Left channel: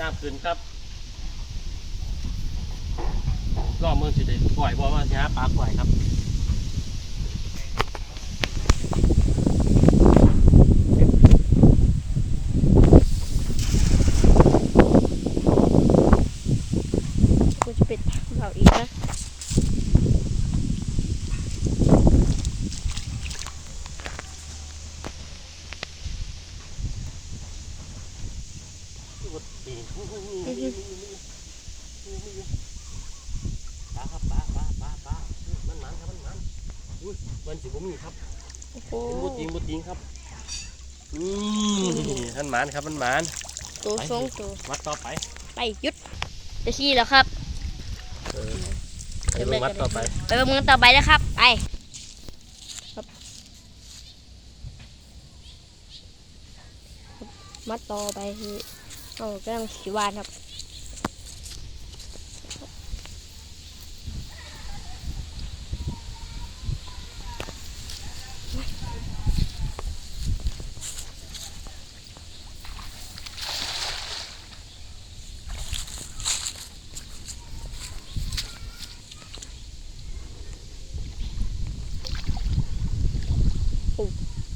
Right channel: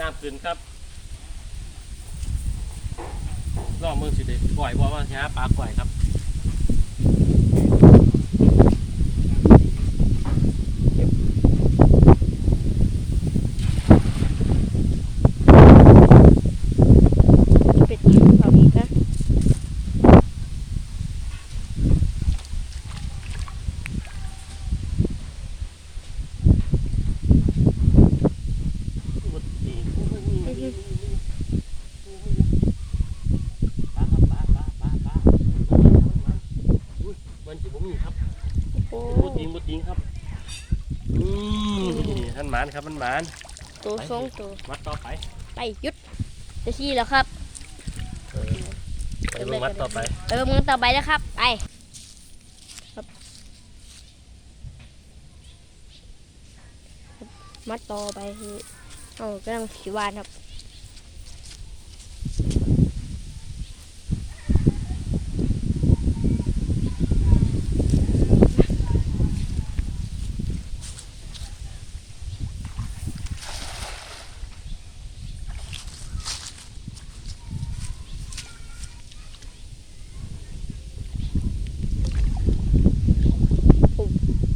น้ำขึ้นครับรอบเมืองสิเด็ปล่อยบ่ว่าสิฮะปลาปล่อยครับ เป็ดเอาอีกนะ อุบัติเหตุอู้หูอู้หูอู้หูอู้หูอู้หูปลาครับปลาปลาปลาปลามันมันครับมันมันอุ้ยมัน สิบ่มีครับโอ้โหบ่จริงบ่จริงครับอืมมันหมานครับมันหมานตัวสองตัววัดต่อไป ไปหยุดจะชี้แล้วครับเออไปเบิ่งวัดต่อไปไปประเมินต่อไปนะครับไปครับมัดต่อไปคือเอากำลังสีวานครับ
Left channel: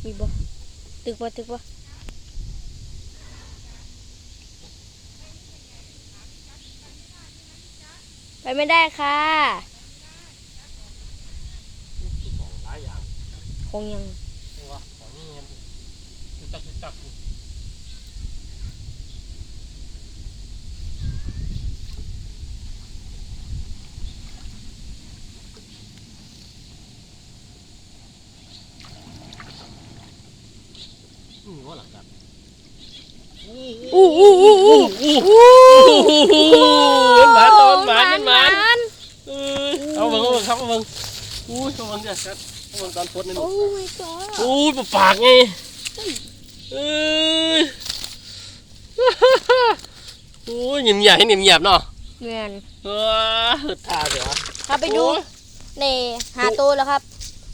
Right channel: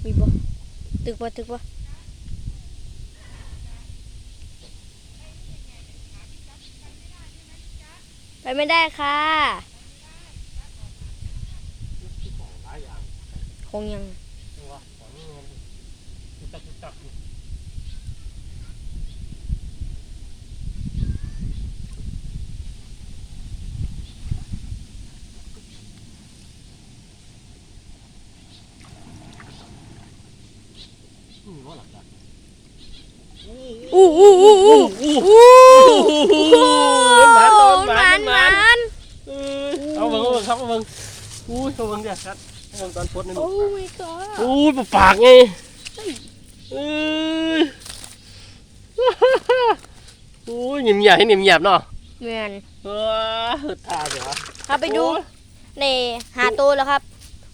มีบ่ตึ กบ่ตึกบ่ไปไม่ได้ค่ะของหลายอย่างคงยังเห็นบ่ของนี่เงี้ยจุกจักจุกจักอยู่อืม ว่าหลักจักอู้อู้อู้อู้อู้อู้หมานหมานหมานหมานนเออเอาเบิ่งเอาเบิ่งครับเอาเบิ่งอู้ยเอาเบิ่งเดี๋ยวครับเอาเบิ่งตอนพดนี่โอ้ my god อู้ยปากไงเออโอ้ยหนิ่มใหญ่หนิ่มหยาบเนาะแม่นเออหดทาเดี๋ยวครับไปดูในหาตัวแล้วครับ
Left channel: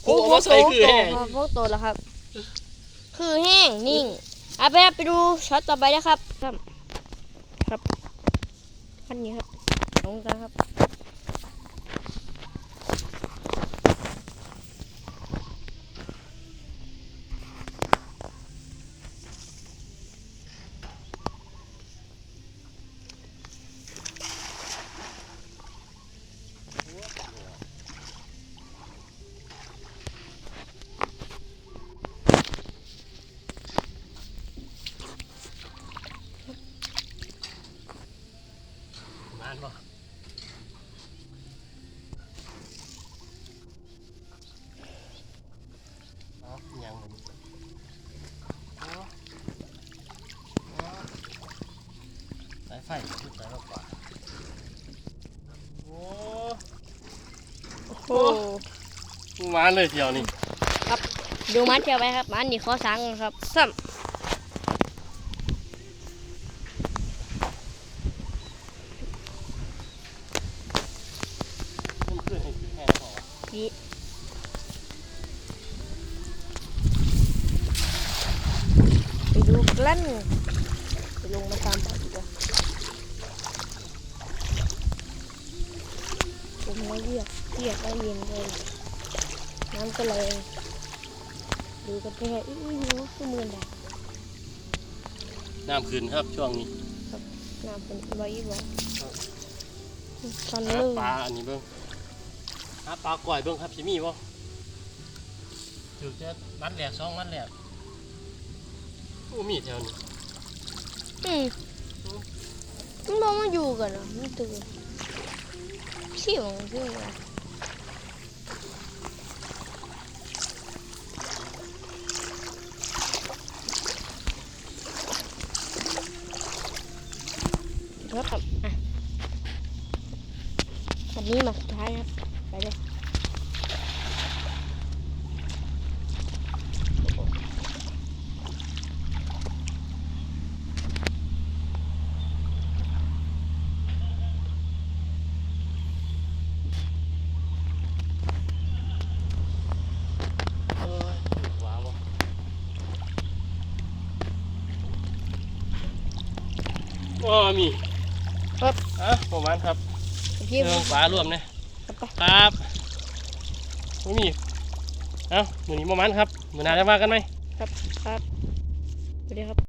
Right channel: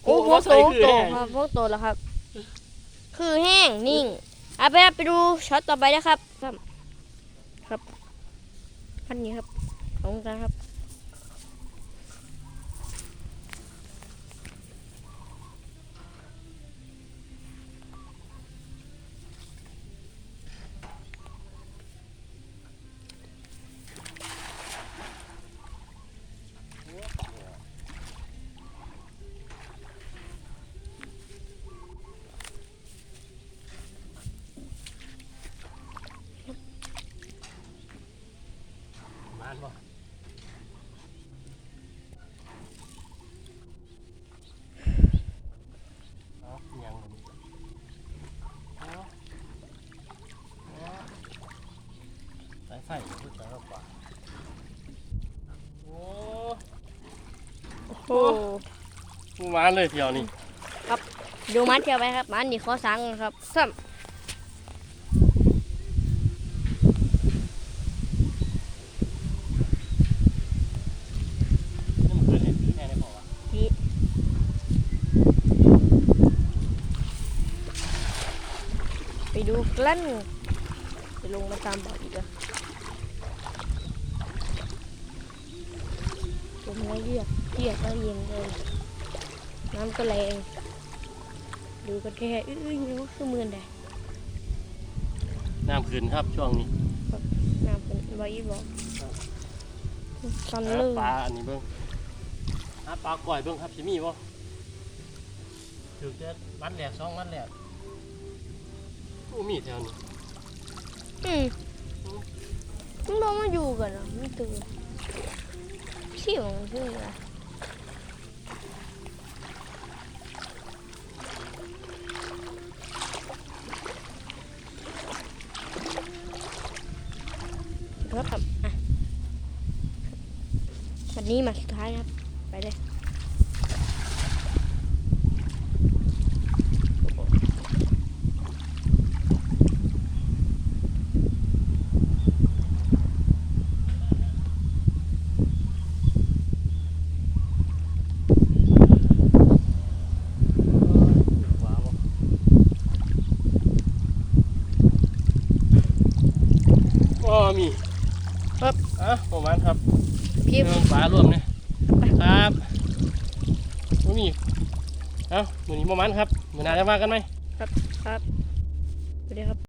โอ้โอ้โหพวกใส่โตคือโตแห้งครับพวกโตแล้วครับ คือแห้งนิ่งเอาไปครับไปดูช็อตต่อไปนะครับ ครับ ครับพันนี้ครับตรงกันครับ มานบ่เอายังเลยนี่เอาเอา สายไฟขึ้นไปมากกว่าโอ้โอ้มาเลยเที่ยวนี่ดูมันเที่ยวไปครับมันนี่ข้อสังครับซ้นี่มันคือเห็ดคือแห้งแล้วเปล่าวะำนี่ไปดูกลั้นไปลงมาตามบอกอีกอะ ผมไม่เรียกเรียกก็เย็นเลยน้ำก็แรงดูกันแค่อื้อๆอยู่คือมือนแดดน้ำขึ้นครับช่วงนี้น้ำเป็นใบบอกตอนหาเลิกปลาอันนี้เบิ้งหาปลาก่อยเบิ้งครับสิมีบ่ถึกจะมัดแหลกสองมัดแหลกโอ้มีแถวนี้อืมมันบอกมาอยู่กันอะมันตื่น เสี่ยงขึ้นนะเดี๋ยวครับอะวันนี้มาสุดท้ายครับ ไปเลย อ๋อมีครับอะประมาณครับพี่เรื่องปลารวมเนี่ยครับบ่มีเอ้ามือนี้ประมาณครับมือหนาจะมากันไหม ครับสวัสดีครับ